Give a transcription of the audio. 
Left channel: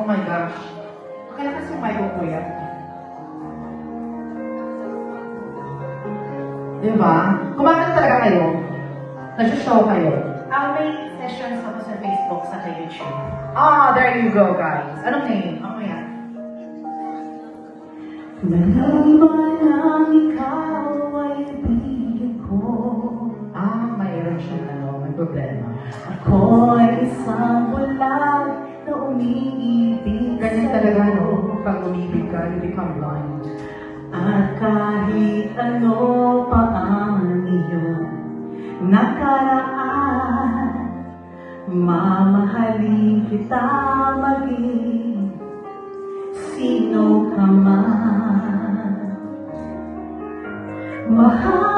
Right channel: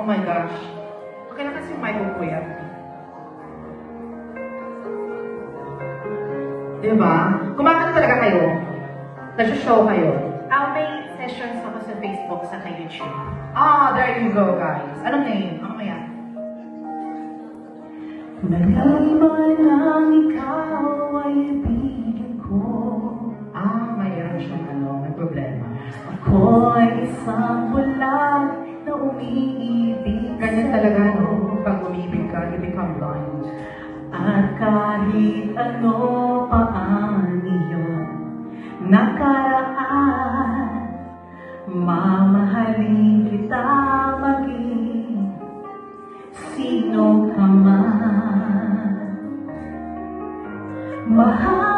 Oh my gosh. Okay na kasi may kuya. Diba? Kumakanta talaga kayo? Nag-show kayo? May sessions ako sa Facebook, sa YouTube. Ah, there you go, guys. Anong name? Ano yan? Nalaman lang ikaw ay ibigin ko. Mayroon siya may problema. Ako ay isang bulag na umiibig. Ganyan talaga, no? Pag umibig ka, you become blind. At kahit ano pa ang iyong nakaraan, mamahalin kita maging sino ka man. Mahal